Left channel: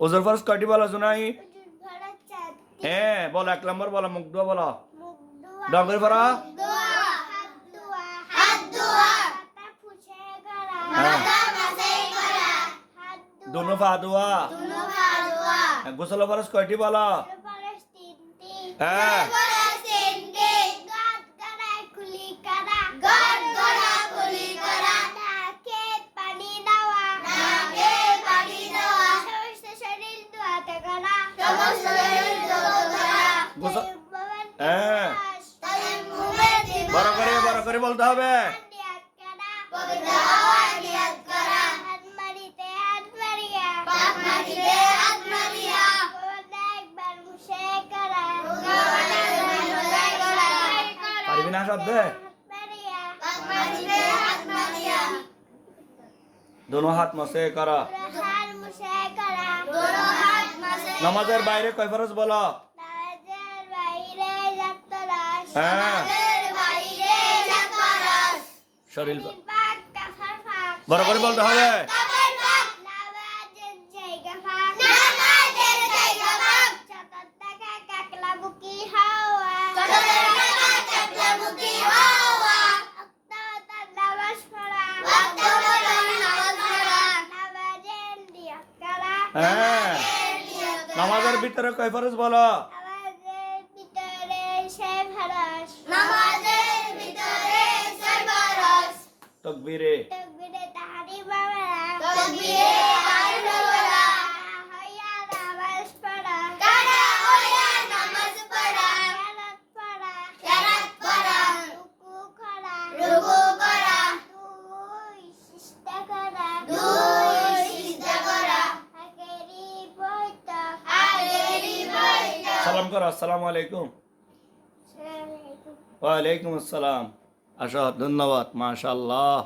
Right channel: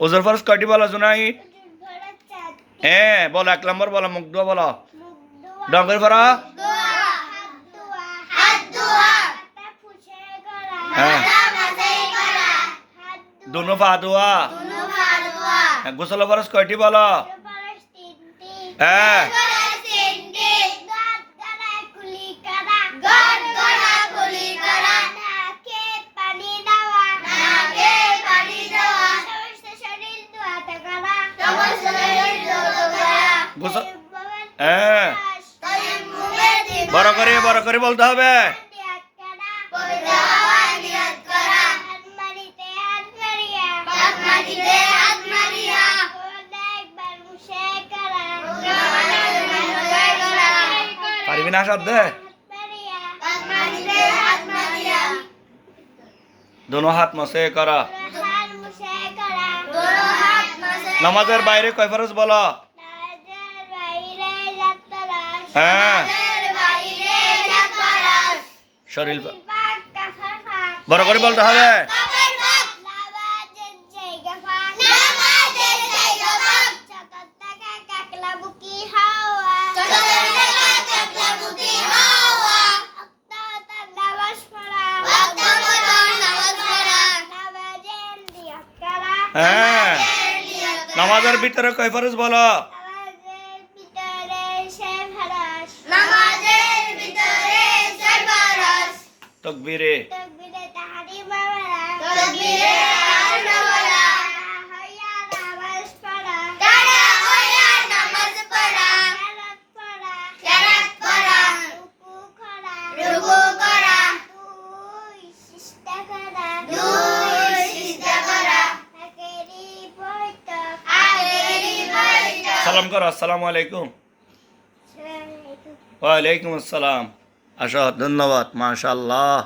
ওজোর ফরজ কয়টি বলো জুনাই? হ্যাঁ বলো, 1 নম্বর বলো, মুখ ধোয়া বলো। ডঙ্গের পড়া? হ্যাঁ। দুনো পা ধোয়া। গোসল ফরজ কয়টি বলো? হ্যাঁ। হ্যাঁ বড় করে বলতে হবে। পারবি না সাধ্যে? দোনো হাত মসে করা। নামাজের বাইরে কয় ফরজ বলো? হ্যাঁ। শরীর বড় করে বলতে হবে। হ্যাঁ। নামাজের ভিতরে কয় ফরজ বলো? তকবীরে সালাম করো, আসসালামু আলাইকুম। ওয়ালাইকুম আসসালাম। আসো, ধন্যবাদ, মাশাআল্লাহ।